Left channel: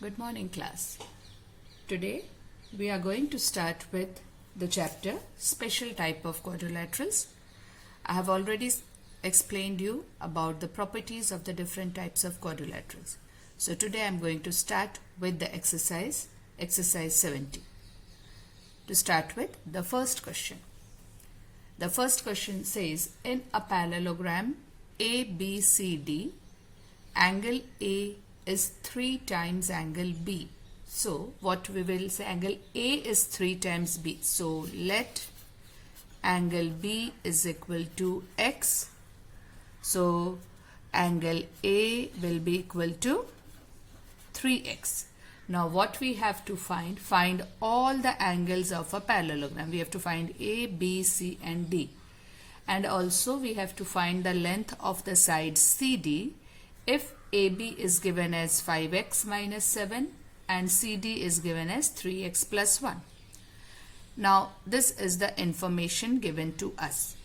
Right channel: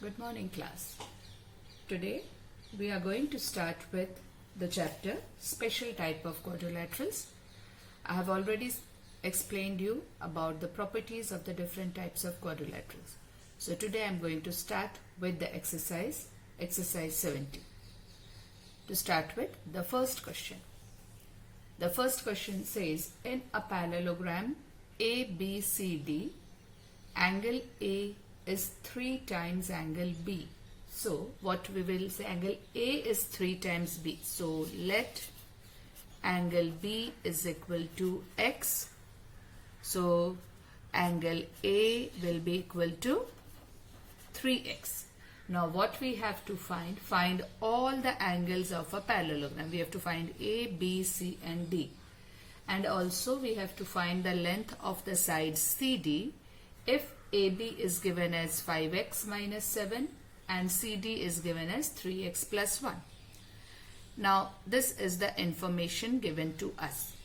Good morning, class. Today we are going to start with the chapter Special Type of Quadrilaterals. I have already explained you about the properties of the different types of quadrilaterals. So today I am going to start with the exercise 70. To start with the first question. The first question says, in a parallelogram ABCD, angle A is 3 times angle B. So what we will say, angle A is 3 times B. So let angle B is equal to X. So angle A will be equal to 3X. Now what we have to find all the angles of a parallelogram. We have to find A, B, C and D. And also we have to find the length of the side CD if AB is given as 5x minus 7 and CD is given as 3x plus 1. Now this is the information given to us.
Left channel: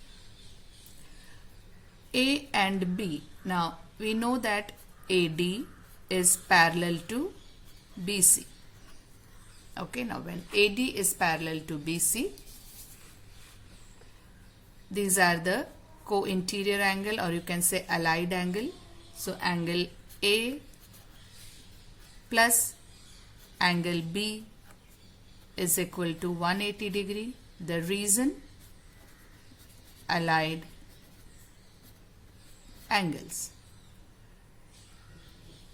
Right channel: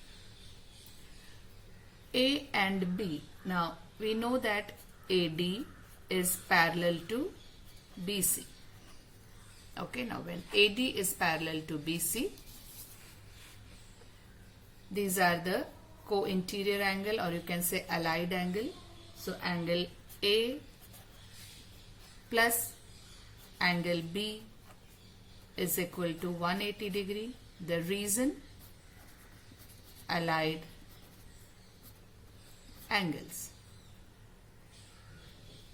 A and B. Now we know that AD is parallel to BC. Okay, now when AD is parallel to BC, these are the co-interior angle, or you can say allied angle. So angle A plus angle B is equal to 180 degree. The reason, allied angles.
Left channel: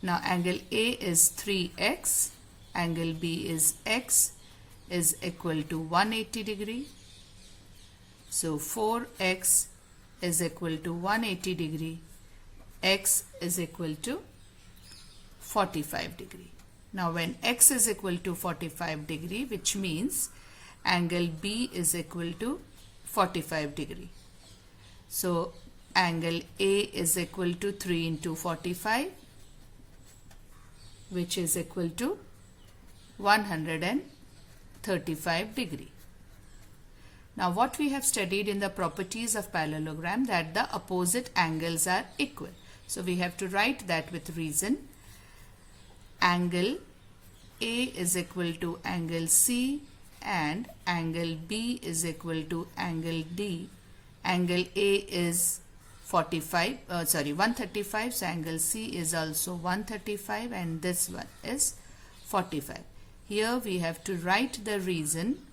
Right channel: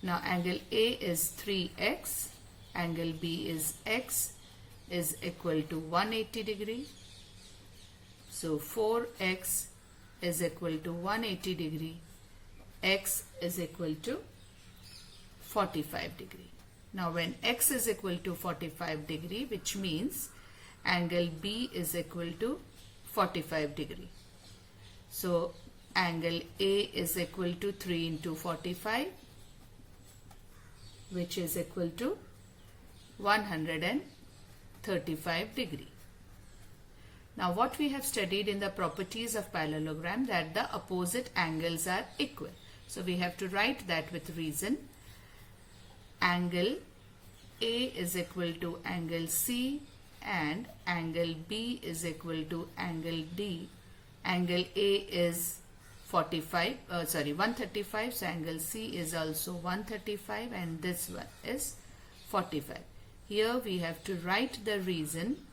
Now angle A is 3x, angle B is x, is equal to 180 degree. So 4x is equal to 180 degree. X is equal to 45 degree. Now when x is equal to 45 degree, which means angle B is equal to 45 degree. So angle A is equal to 3 into 45, which is equal to 135 degree. Now what we have studied in the properties of parallelogram, that the opposite angles are equal. So we have to write that with reason. Angle A is equal to angle C and angle B is equal to angle D. Angle A is 135, so angle C is also 135 and this one is 45. Here we have to write the reason.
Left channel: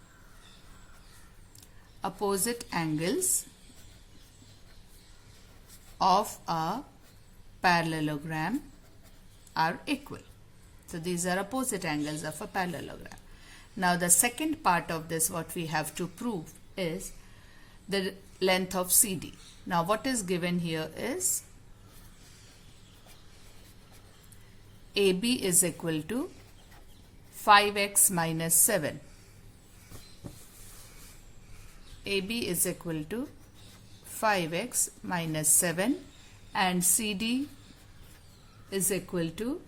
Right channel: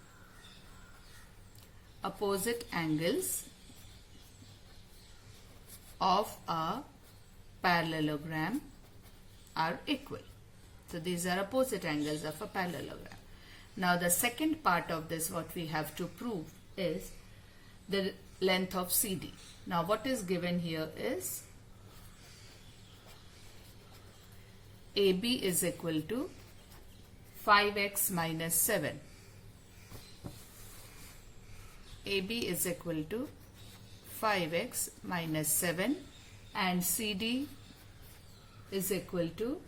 Opposite angles of a parallelogram are equal. So these are opposite angles of a parallelogram. Now the second part of this, what we have to prove is the length of CD. Now what is given here is AB is equal to 5x minus 7. AB is equal to 5x minus 7 and CD is equal to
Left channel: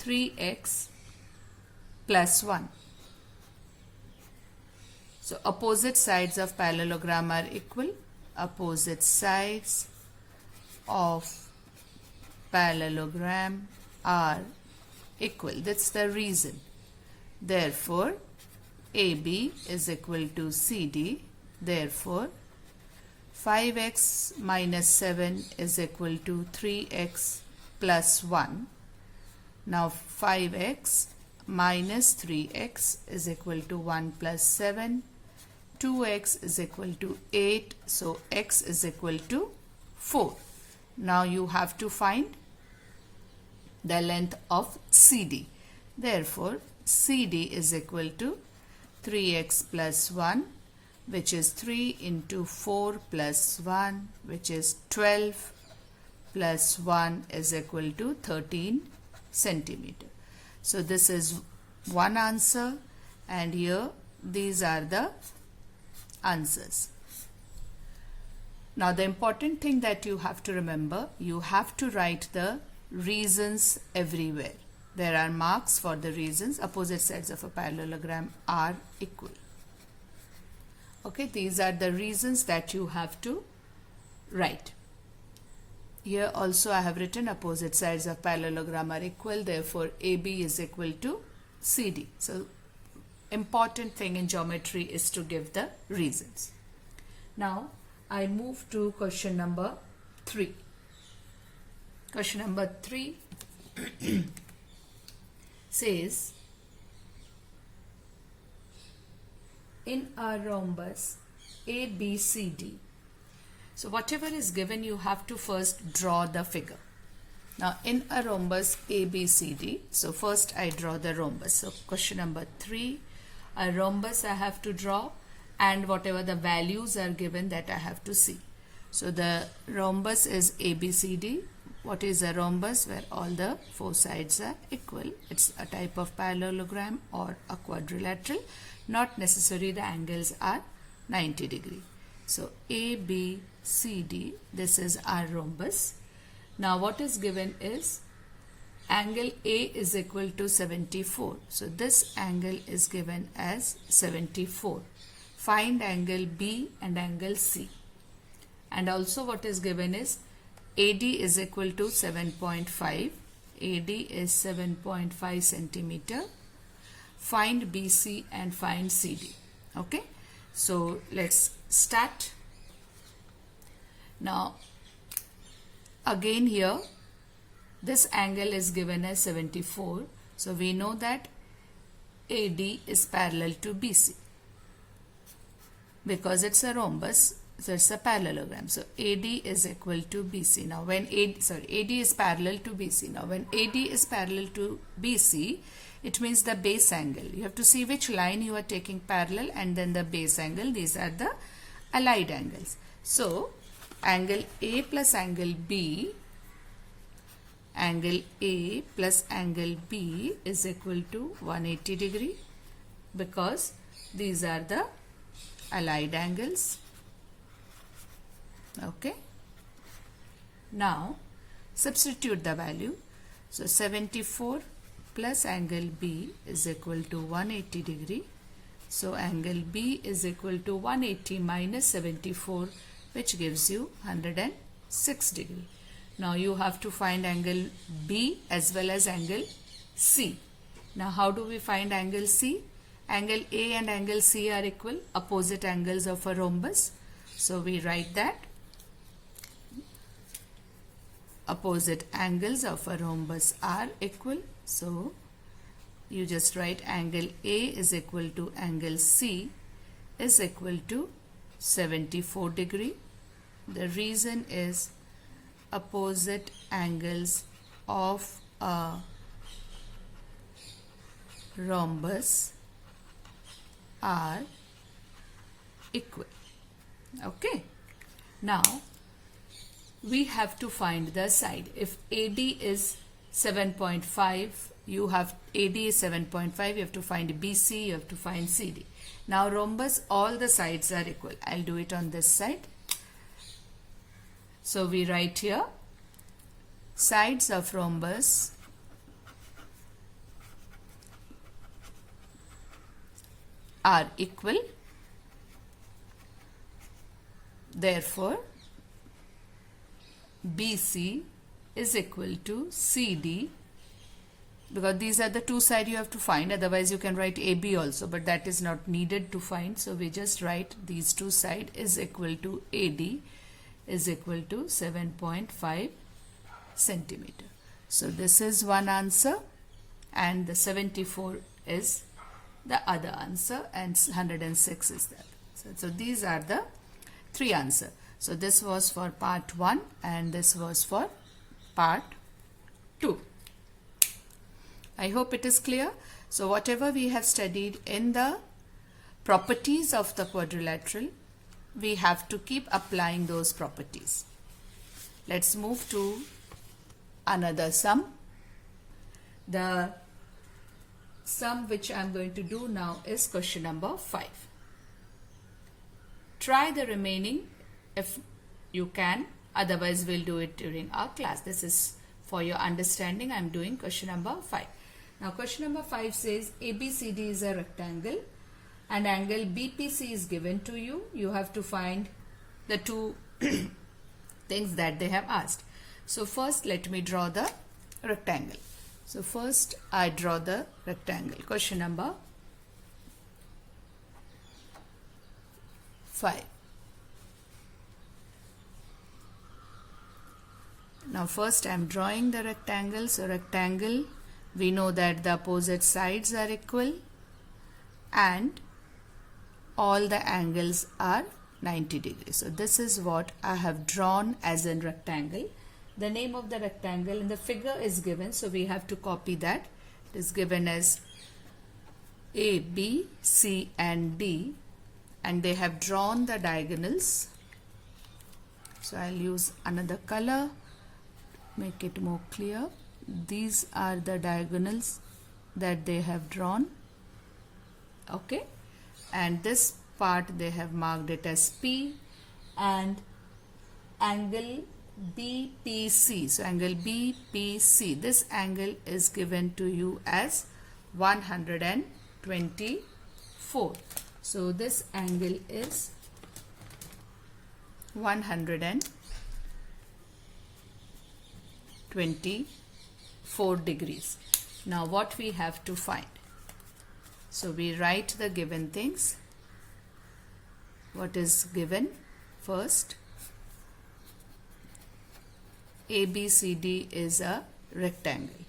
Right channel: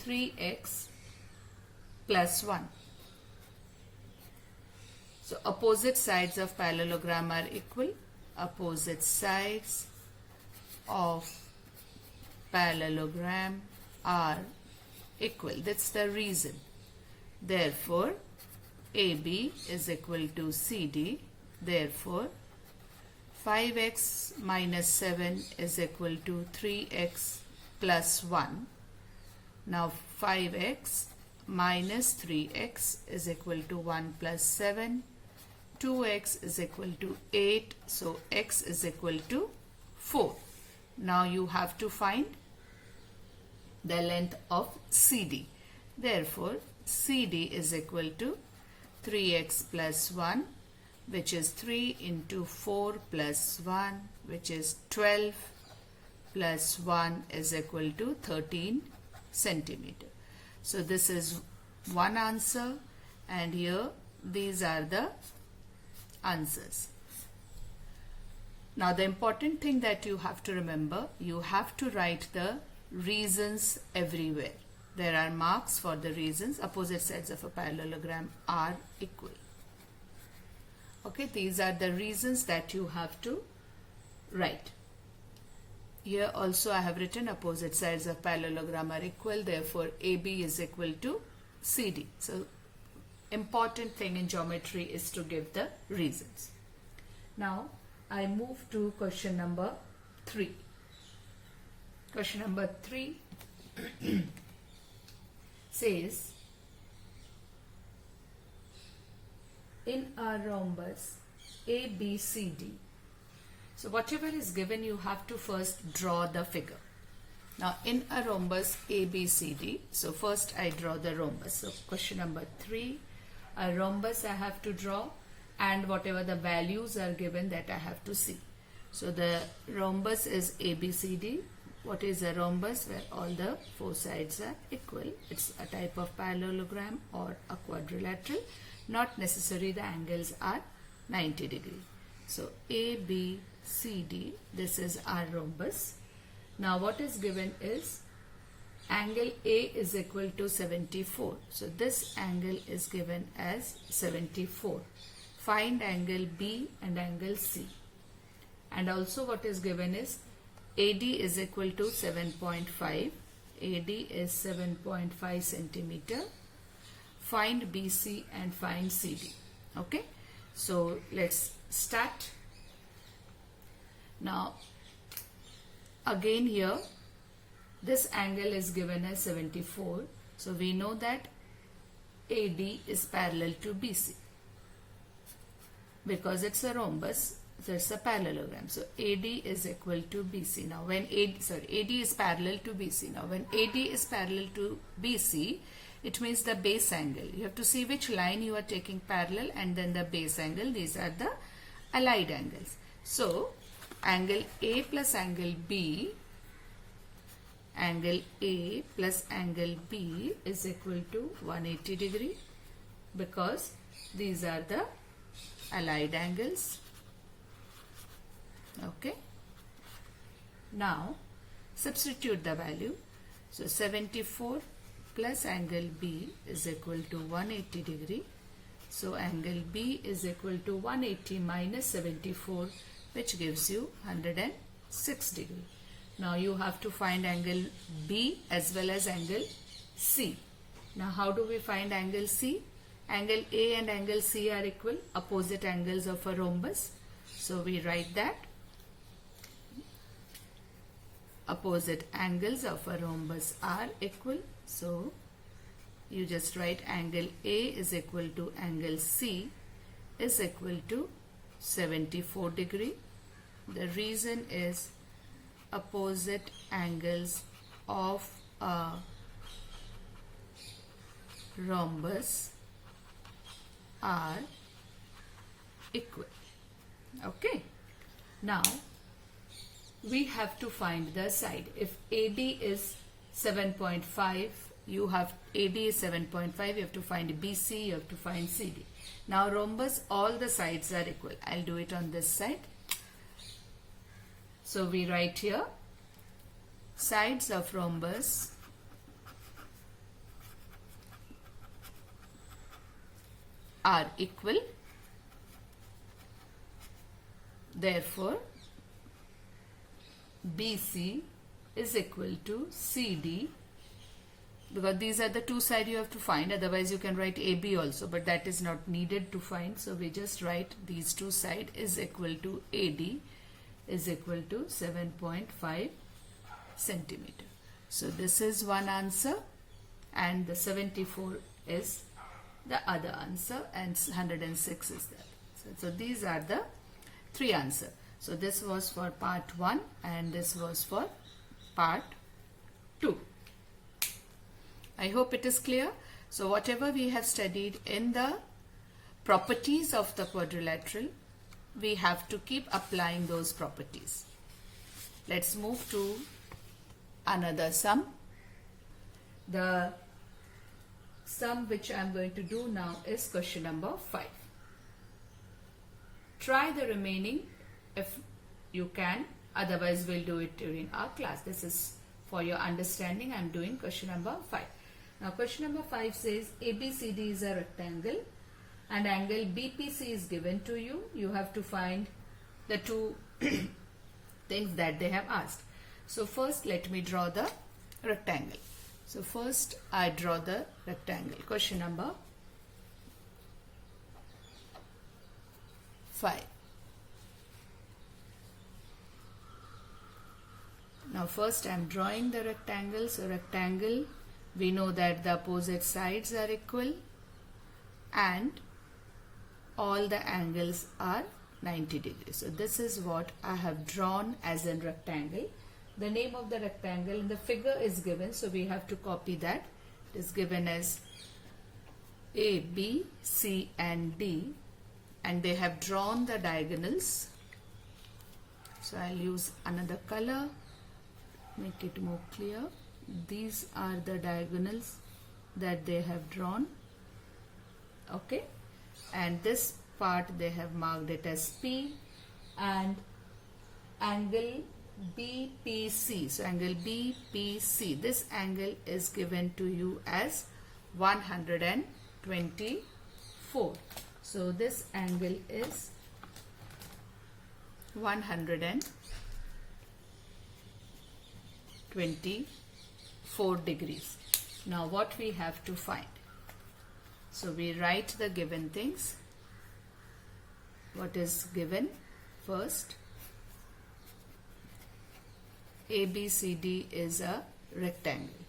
3x plus 1. So opposite sides of parallelogram are equal. Opposite sides of parallelogram are equal. That's the reason. Therefore, AB is equal to CD. Therefore, 5x minus 7 is equal to 3x plus 1. Now 5x minus 3x is equal to 1 plus 7. 2x is equal to 8. So x is equal to 4. Now you have to find the length of CD. Therefore, CD is equal to 3x plus 1, which is 3 into 4 plus 1, which is 12 plus 1 is equal to 13 centimeter. So this is one answer, and here these are the answers. Now the important thing that you have to remember, you have to write the reasons everywhere. There are marks for the reasons. Opposite sides of a parallelogram are equal. Okay, these are the reasons that you have to write. here also I have written opposite sides of parallelogram are equal, therefore AB is equal to CD. So important thing in geometry is to give the reasons. Now I move to question number 3. Question number 3 says, in a rhombus ABCD. So whatever is given, you have to first draw the figure. Now in a rhombus ABCD, so first I draw the rhombus. So question number 3, a rhombus I have to draw, and whatever the values are given, that I have to see. So the rhombus is ABCD. What is a rhombus? Where all the 4 sides are equal. It's a type of parallelogram or a quadrilateral. Not necessarily the angles are 90 degree. So ABCD, this is our rhombus. Now what is given is angle A is equal to 74. So this angle is given as 74. Find angle B and angle C. And also what is given is AD is equal to 7.5. AD is 7.5 centimeter. Find BC and find CD. Okay. So let's start. Now again here this angle is given as 74. So we know that AD is parallel to BC because it's a rhombus. So it's a parallelogram. So AD is equal to BC. Now when AD is parallel to BC. Now when AD is parallel to BC, it means the base angle. You have to see which line you are taking parallel and then the base angle. These are the allied angles. So angle A plus angle B, angle A plus angle B is equal to 180 degree because these are the allied angles. Okay. Now substitute the value. So 74 plus angle B is equal to 180 degree. So angle B is equal to 180 minus 74, which gives you 106 degree. Now you have to find angle B as well as angle C. Now how do we find angle C? Angle A and angle C are equal, opposite angles of a rhombus. So we write that opposite angles of a rhombus are equal. So you just write angle A is equal to angle C is equal to 74 degree. The reason is opposite angles of a rhombus are equal. Okay. Now we have to find the side. If AD is 7.5, you have AD is 7.5, you have to find BC, you have to find CD. Now rhombus, all the sides are equal. I'll do it on this side. So we write here sides of rhombus are equal. Therefore BC is equal to CD, because these are the 2 sides you have to find. Otherwise you can write AB also, but that is not needed to find. So we just write these 2 sides is equal to AD is equal to 7.5 centimeter. So this is one answer, and the 74 is the other answer, and 106 is that. So these are the 3 answers. So this was for part 1 and this was for part 2. I hope it is clear. So whatever we have studied in the properties of the quadrilateral, we have to keep applying those properties. Let's move to another sum. The sum which I am going to do now is question number 5. Try the remaining if you can, otherwise we'll do it during our class. This is for your understanding. I am doing question number 5. Now question number 5 says ABCD is a rectangle and angle BPC is given to you. You have to find the 2 things that they have asked. So first let me draw the rectangle. So first I draw the rectangle. Question number 5. Now first I am drawing the rectangle. So rectangle, we know that the opposite sides are equal and all the angles are 90 degrees. So this is what I have drawn as a rectangle. The name of the rectangle in the figure is given, so we have to copy that. It is given as A, B, C and D, and they have drawn the diagonals. So I'll use another color, make it more clear. These are the diagonals that they have drawn. Okay, and this part they have marked it as P, and angle BPC. So angle BPC, this angle is given to you as 124. So this angle is 124 degrees. Now what we have to find? So we write the given things. What is given? First, ABCD is a rectangle.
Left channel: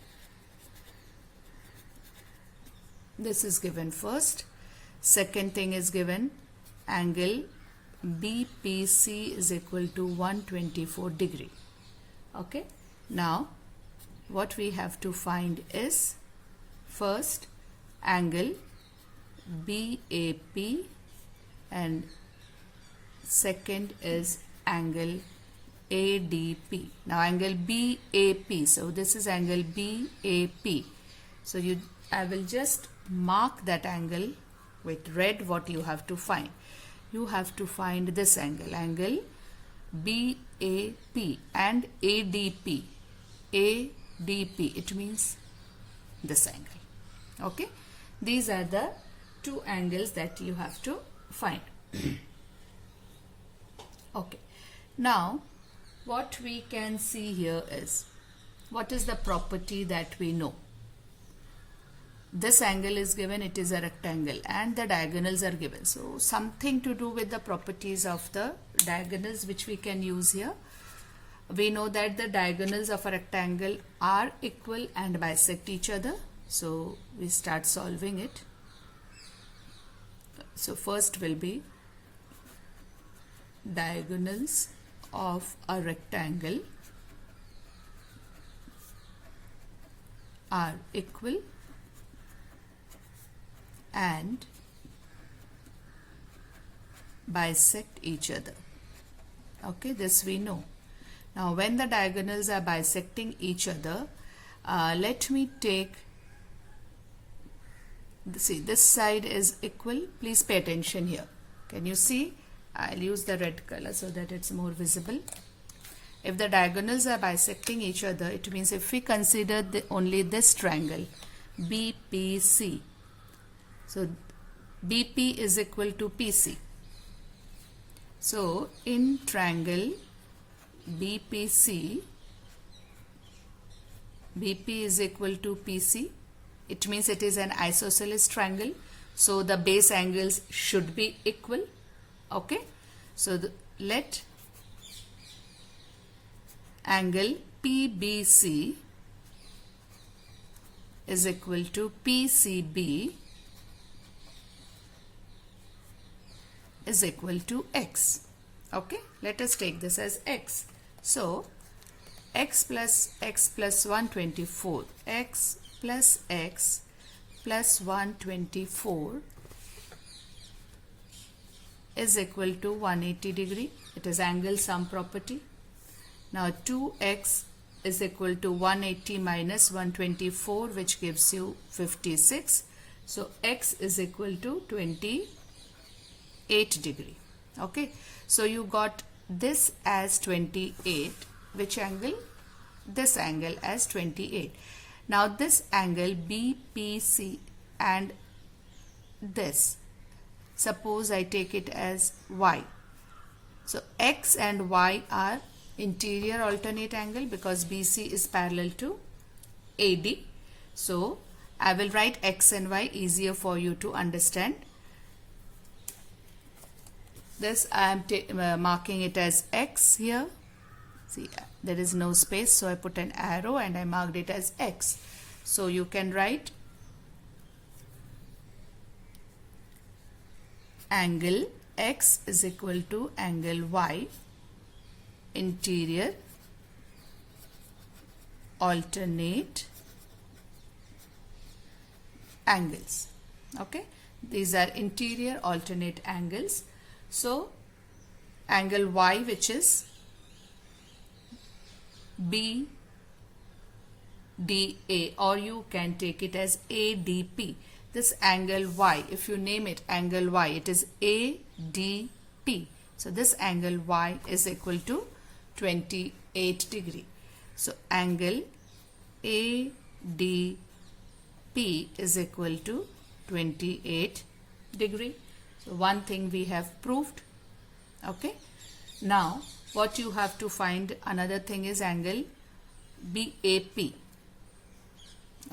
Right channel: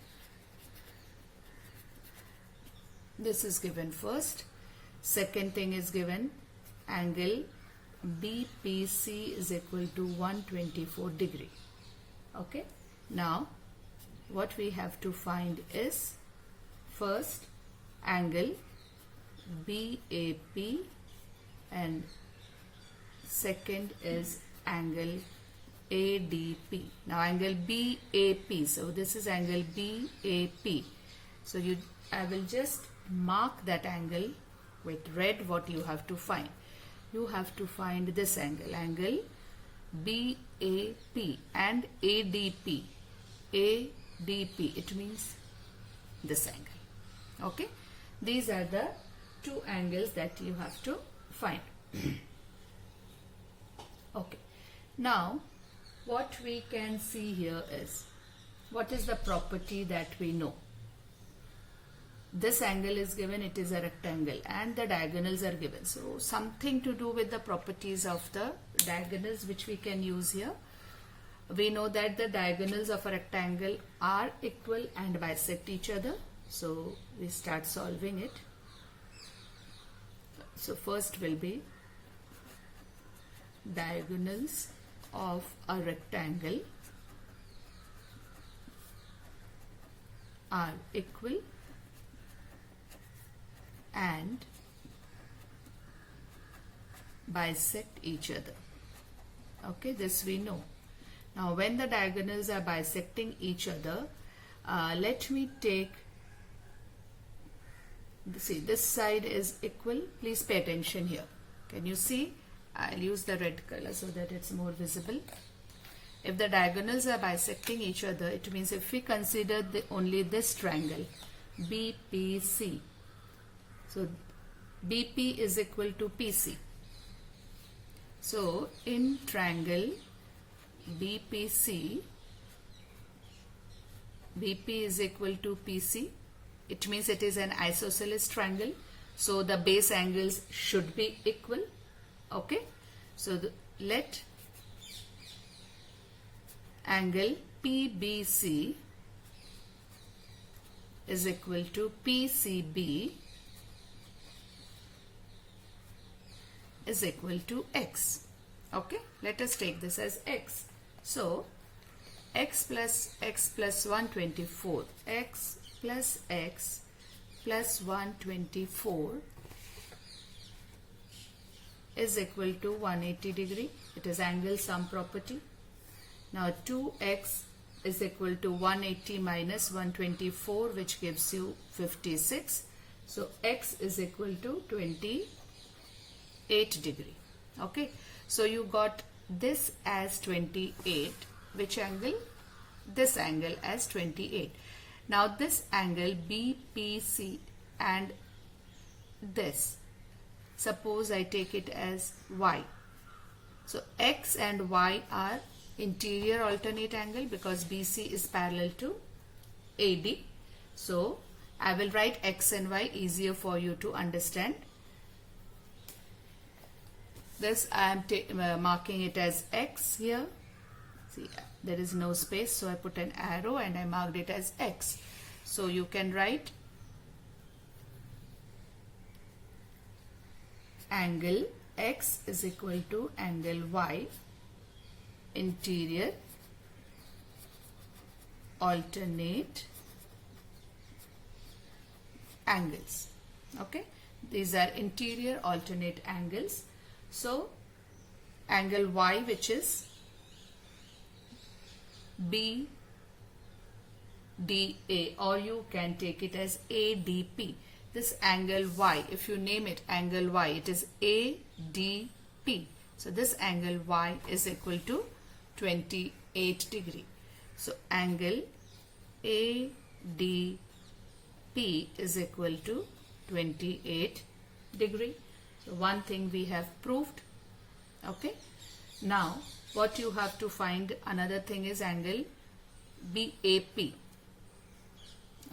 This is given first. Second thing is given, angle BPC is equal to 124 degree. Okay. Now what we have to find is first angle BAP and second is angle ADP. Now angle BAP, so this is angle BAP. So I will just mark that angle with red. What you have to find? You have to find this angle, angle BAP and ADP. ADP, it means this angle. Okay, these are the two angles that you have to find. Okay, now what we can see here is, what is the property that we know? This angle is given, it is a rectangle and the diagonals are given. So something to do with the properties of the diagonals which we can use here. We know that the diagonals of a rectangle are equal and bisect each other. So we start solving it. So first will be diagonals of a rectangle are equal and bisect each other. Okay, this we know. Now when the diagonals are bisecting each other, let me take, see, this side is equal. Please pay attention here. Can you see? I'll use the red color so that it's more visible. If the diagonals are bisecting each other, it means if we consider only this triangle BPC, so BP is equal to PC. So in triangle BPC, BP is equal to PC. It means it is an isosceles triangle. So the base angles should be equal. Okay. So let angle PBC is equal to PCB is equal to X. Okay. Let us take this as X. So X plus 124, X plus 124 is equal to 180 degree. It is angle sum property. Now 2x is equal to 180 minus 124, which gives you 56. So x is equal to 28 degree. Okay. So you got this as 28. Which angle? This angle as 28. Now this angle BPC and this, suppose I take it as y. So x and y are interior alternate angle because BC is parallel to AD. So I will write X and Y easier for you to understand. This I am marking it as X here. See, there is no space, so I put an arrow and I marked it as X. So you can write angle X is equal to angle Y, interior alternate angles. Okay, these are interior alternate angles. So angle Y, which is BDA, or you can take it as ADP. This angle Y, if you name it angle Y, it is ADP. So this angle Y is equal to 28 degree. So angle ADP is equal to 28 degree. So one thing we have proved. Okay. Now what you have to find, another thing is angle BAP.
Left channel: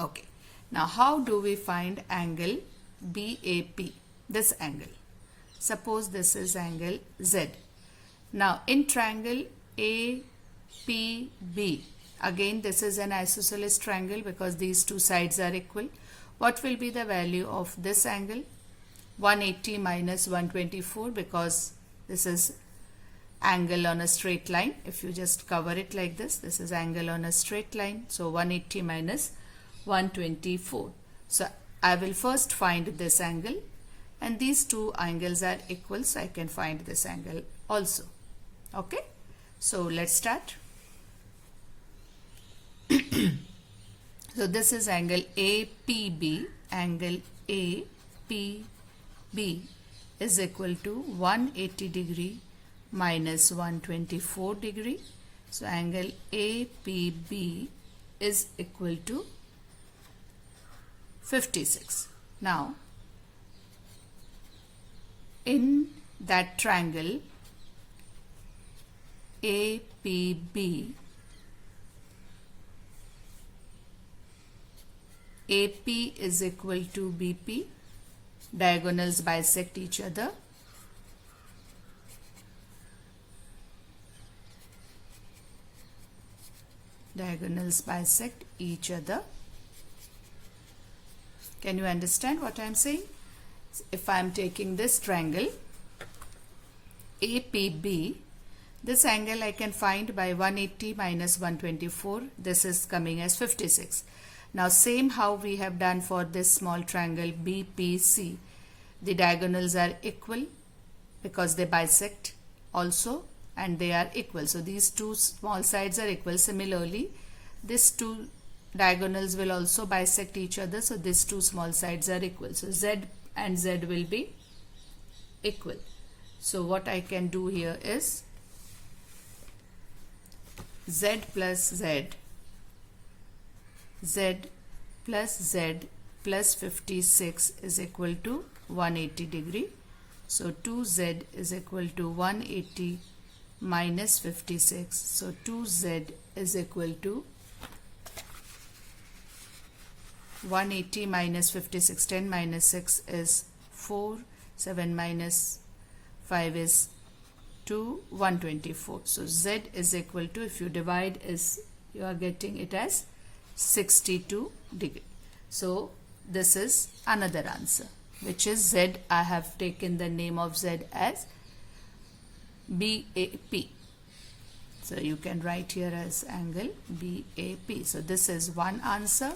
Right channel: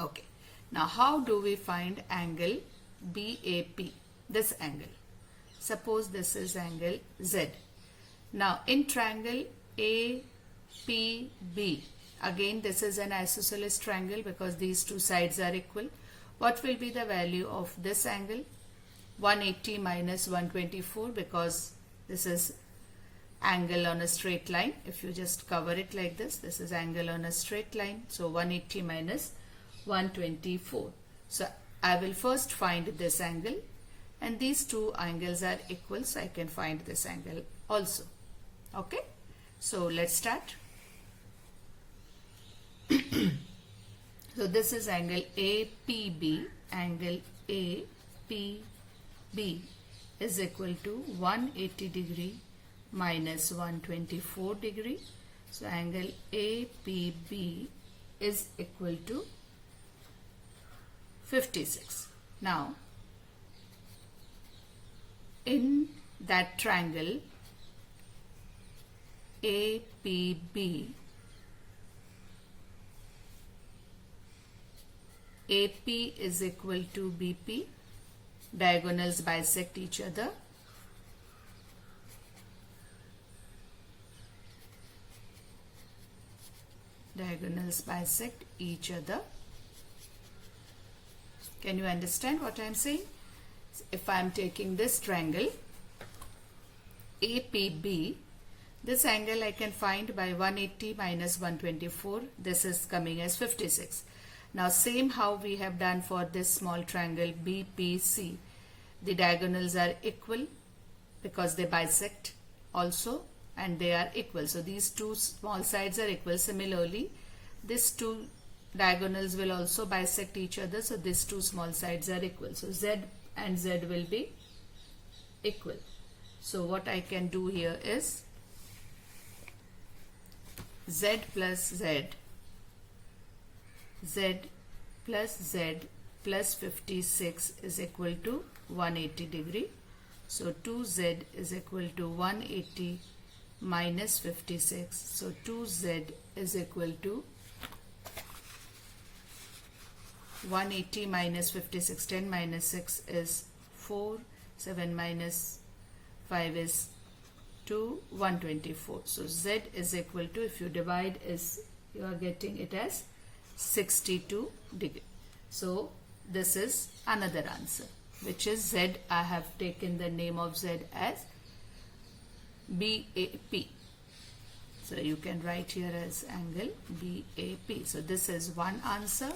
Okay. Now how do we find angle BAP? This angle. Suppose this is angle Z. Now in triangle APB, again this is an isosceles triangle because these two sides are equal. What will be the value of this angle? 180 minus 124, because this is angle on a straight line. If you just cover it like this is angle on a straight line. So 180 minus 124. So I will first find this angle, and these two angles are equal, so I can find this angle also. Okay, so let's start. So this is angle APB. Angle APB is equal to 180 degree minus 124 degree. So angle APB is equal to 56. Now in that triangle APB, AP is equal to BP. Diagonals bisect each other. Diagonals bisect each other. Can you understand what I am saying? If I am taking this triangle APB, this angle I can find by 180 minus 124. This is coming as 56. Now same how we have done for this small triangle BPC. The diagonals are equal because they bisect also, and they are equal. So these two small sides are equal. Similarly, these two diagonals will also bisect each other. So these two small sides are equal. So Z and Z will be equal. So what I can do here is Z plus Z, Z plus Z plus 56 is equal to 180 degree. So 2Z is equal to 180 minus 56. So 2Z is equal to 180 minus 56. 10 minus 6 is 4. 7 minus 5 is 2. 124. So Z is equal to, if you divide, is you are getting it as 62 degree. So this is another answer, which is Z. I have taken the name of Z as BAP. So you can write here as angle BAP. So this is one answer.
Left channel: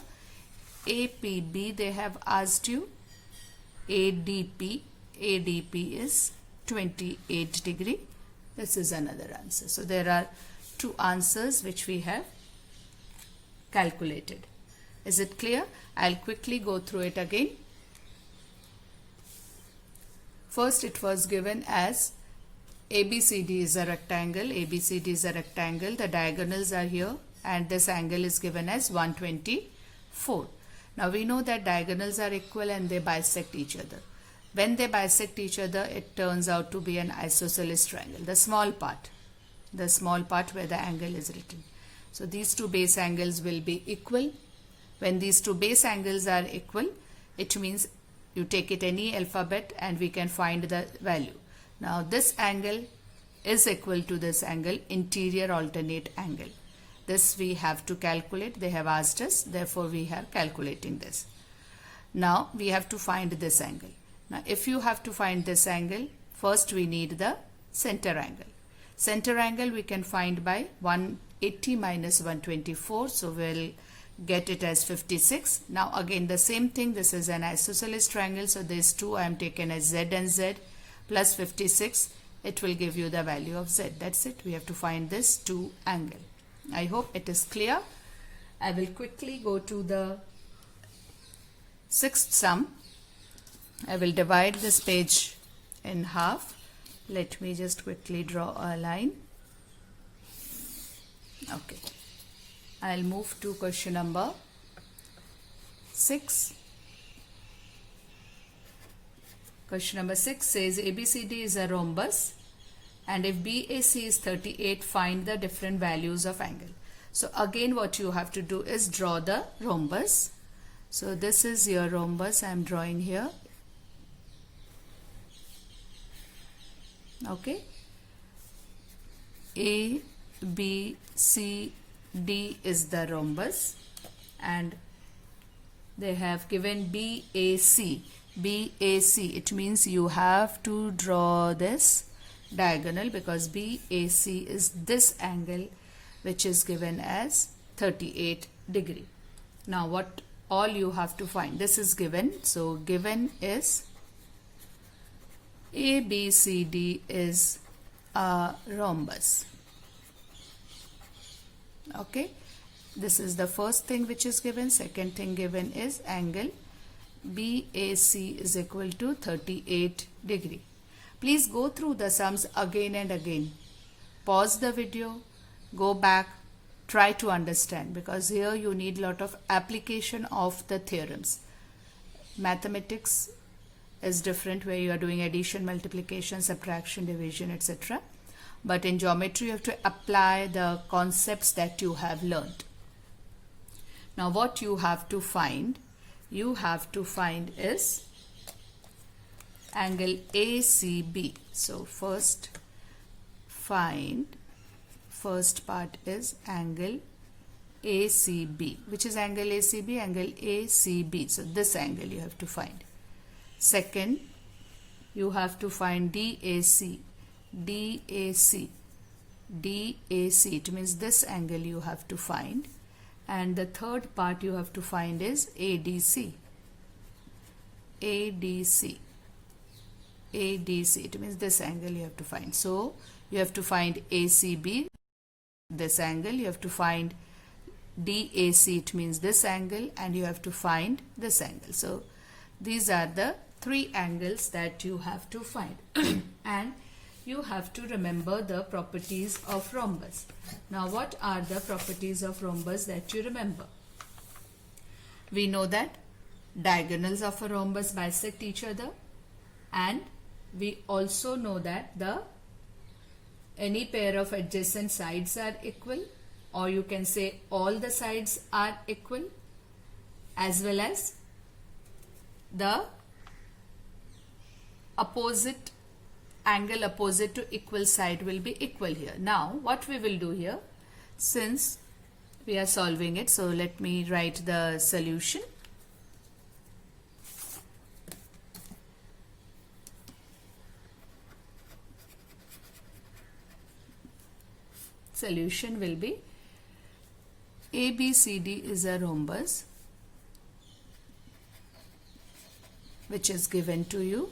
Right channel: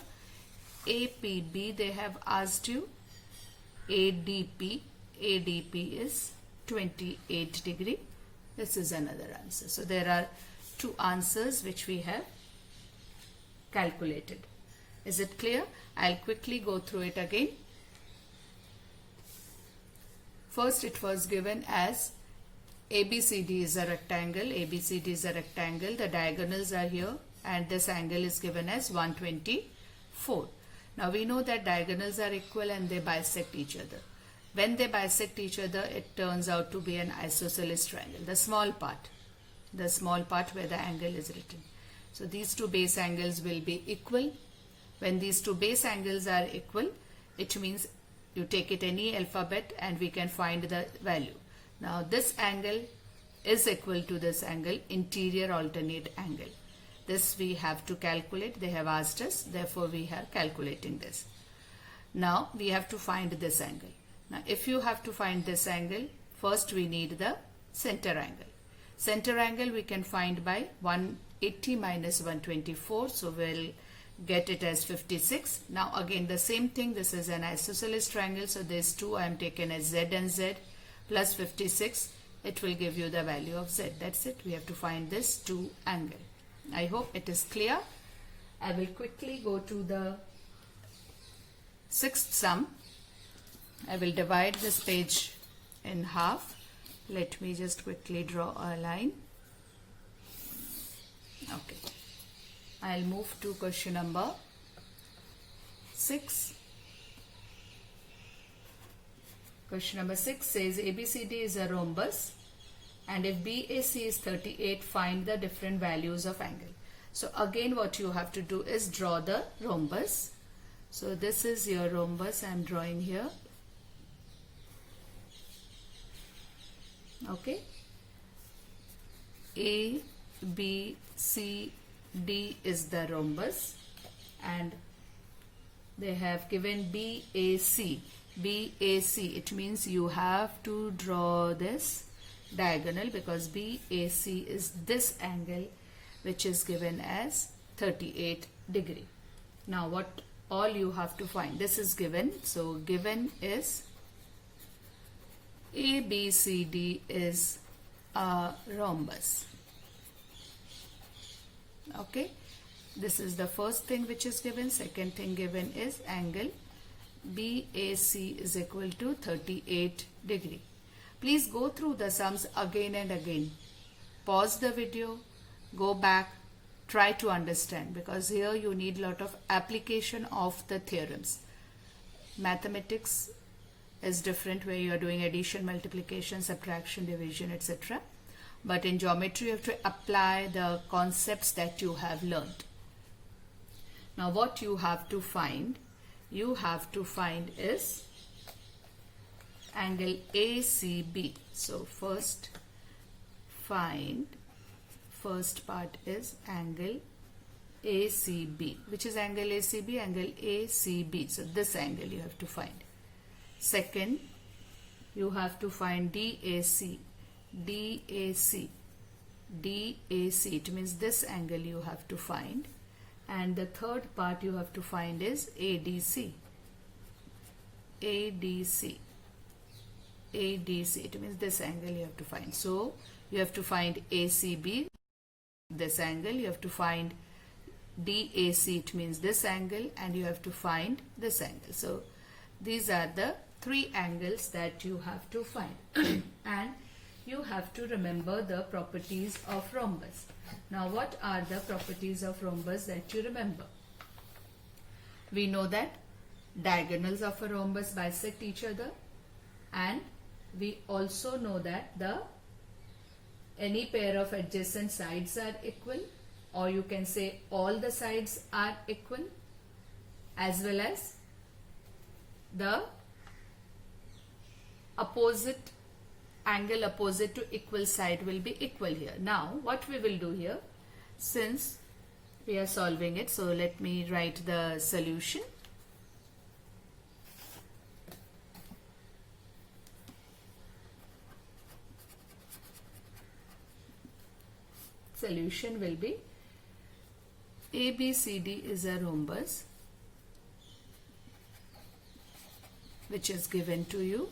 APB, they have asked you ADP. ADP is 28 degree. This is another answer. So there are two answers which we have calculated. Is it clear? I'll quickly go through it again. First, it was given as ABCD is a rectangle. ABCD is a rectangle. The diagonals are here, and this angle is given as 124. Now we know that diagonals are equal and they bisect each other. When they bisect each other, it turns out to be an isosceles triangle, the small part. the small part where the angle is written. So these two base angles will be equal. When these two base angles are equal, it means you take it any alphabet and we can find the value. Now this angle is equal to this angle, interior alternate angle. This we have to calculate. They have asked us, therefore we are calculating this. Now we have to find this angle. Now if you have to find this angle, first we need the center angle. Center angle we can find by 180 minus 124. So we'll get it as 56. Now again the same thing, this is an isosceles triangle. So these two I am taken as Z and Z plus 56. It will give you the value of Z. That's it. We have to find this two angle. I hope it is clear. I will quickly go to the sixth sum. I will divide this page in half. Let me just quickly draw a line. Okay. I'll move to question number 6. Question number 6 says ABCD is a rhombus and if BAC is 38, find the different values of angle. So again what you have to do is draw the rhombus. So this is your rhombus I am drawing here. Okay. A, B, C, D is the rhombus and they have given BAC. BAC, it means you have to draw this diagonal because BAC is this angle which is given as 38 degree. Now what all you have to find, this is given, so given is ABCD is a rhombus. Okay, this is the first thing which is given. Second thing given is angle BAC is equal to 38 degree. Please go through the sums again and again. Pause the video, go back, try to understand because here you need a lot of application of the theorems. Mathematics is different where you are doing addition, multiplication, subtraction, division, etc. But in geometry you have to apply the concepts that you have learned. Now what you have to find is angle ACB. So first part is angle ACB. Which is angle ACB? Angle ACB. So this angle you have to find. Second, you have to find DAC. DAC. DAC. It means this angle you have to find. And the third part you have to find is ADC. ADC. ADC. It means this angle you have to find. So you have to find ACB, this angle. You have to find DAC. It means this angle, and you have to find this angle. So these are the three angles that you have to find. And you have to remember the properties of rhombus. Now what are the properties of rhombus that you remember? We know that diagonals of a rhombus bisect each other, and we also know that any pair of adjacent sides are equal, or you can say all the sides are equal, as well as the opposite angle opposite to equal side will be equal here. Now what we will do here, since we are solving it, so let me write the solution. Solution will be ABCD is a rhombus which is given to you.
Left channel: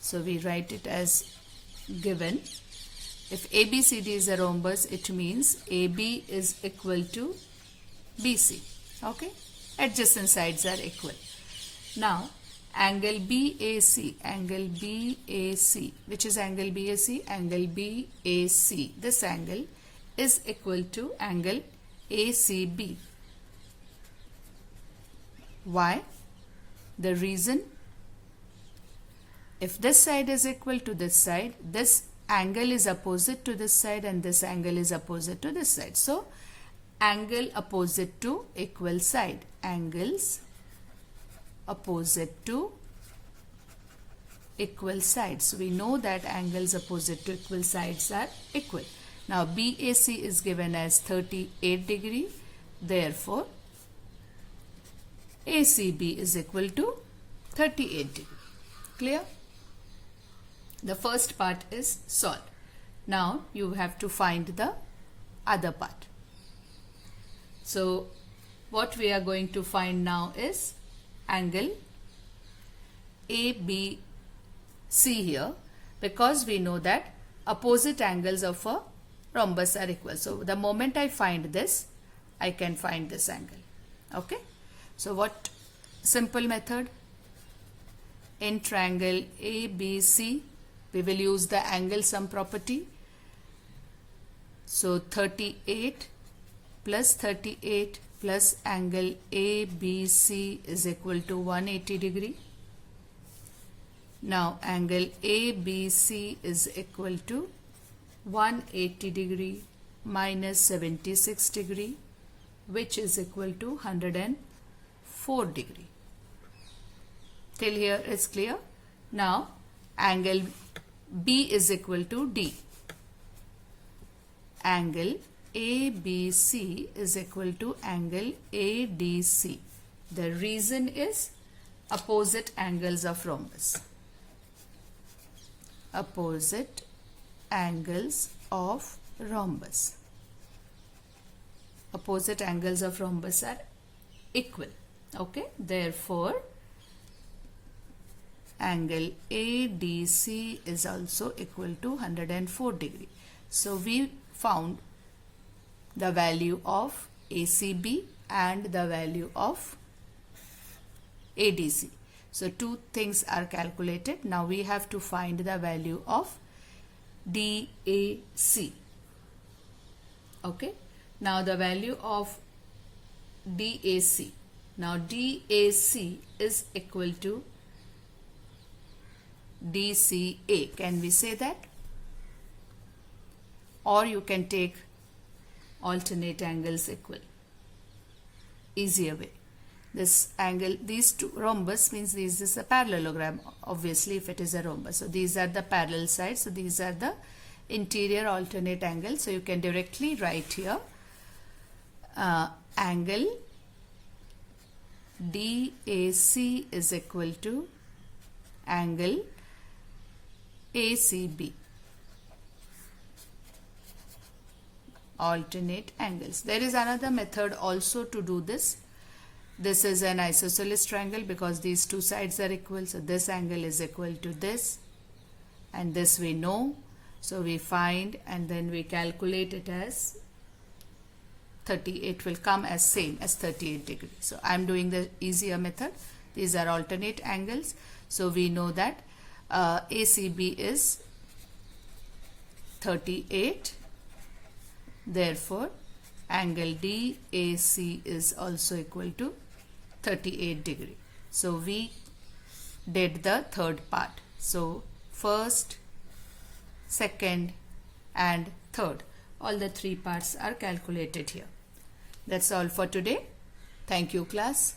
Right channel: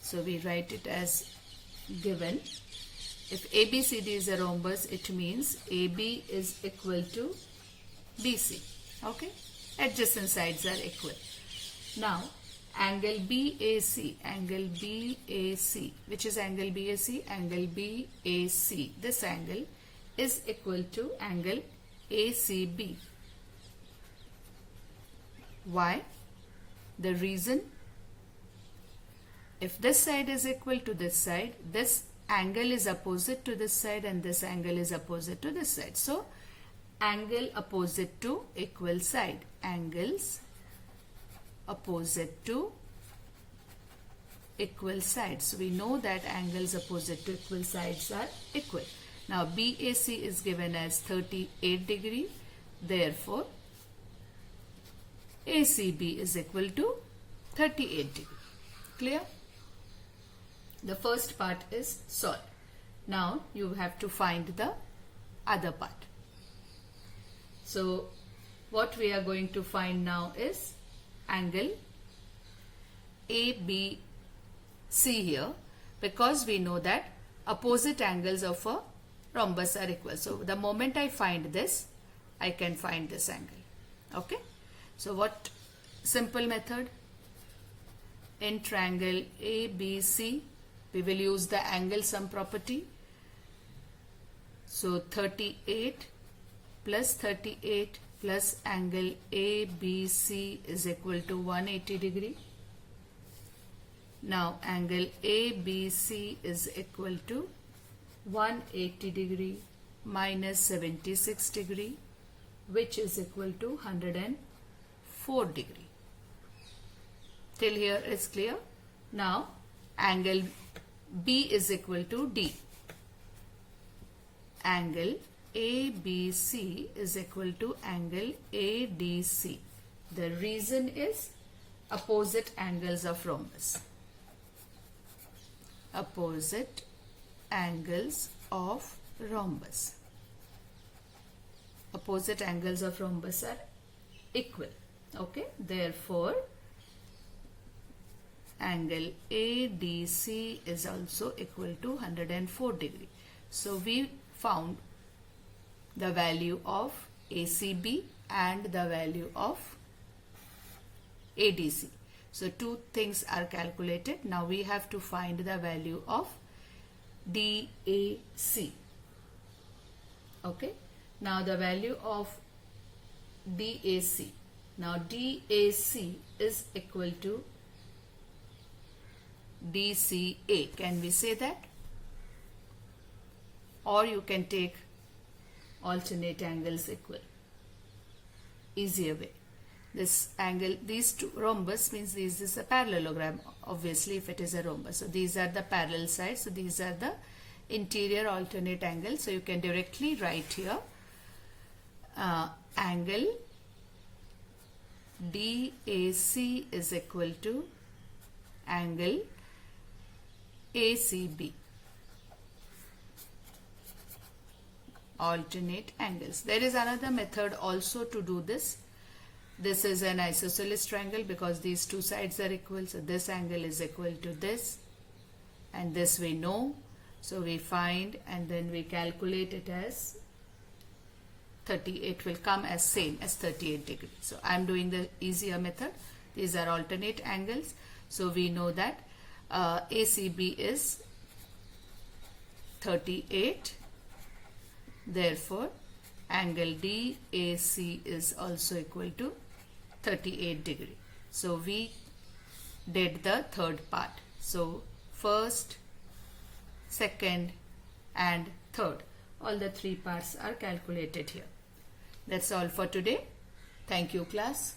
So we write it as given. If ABCD is a rhombus, it means AB is equal to BC. Okay? Adjacent sides are equal. Now, angle BAC, which is angle BAC? Angle BAC. This angle is equal to angle ACB. Why? The reason, if this side is equal to this side, this angle is opposite to this side and this angle is opposite to this side. So angle opposite to equal side. Angles opposite to equal sides. We know that angles opposite to equal sides are equal. Now BAC is given as 38 degree. Therefore ACB is equal to 38 degree. Clear? The first part is solved. Now you have to find the other part. So what we are going to find now is angle ABC here, because we know that opposite angles of a rhombus are equal. So the moment I find this, I can find this angle. Okay. So what simple method? In triangle ABC, we will use the angle sum property. So 38 plus 38 plus angle ABC is equal to 180 degree. Now angle ABC is equal to 180 degree minus 76 degree, which is equal to 104 degree. Till here is clear. Now angle B is equal to D. Angle ABC is equal to angle ADC. The reason is opposite angles of rhombus. Opposite angles of rhombus. Opposite angles of rhombus are equal. Okay. Therefore, angle ADC is also equal to 104 degree. So we found the value of ACB and the value of ADC. So two things are calculated. Now we have to find the value of DAC. Okay. Now the value of DAC. Now DAC is equal to DCA. Can we say that? Or you can take alternate angles equal. Easier way. This angle, these two rhombus means this is a parallelogram, obviously, if it is a rhombus. So these are the parallel sides. So these are the interior alternate angles. So you can directly write here angle DAC is equal to angle ACB. Alternate angles. There is another method also to do this. This is an isosceles triangle because these two sides are equal. So this angle is equal to this, and this we know. So we find and then we calculate it as 38 will come as same as 38 degree. So I am doing the easier method. These are alternate angles. So we know that ACB is 38. Therefore, angle DAC is also equal to 38 degree. So we did the third part. So first, second and third. All the three parts are calculated here. That's all for today. Thank you, class.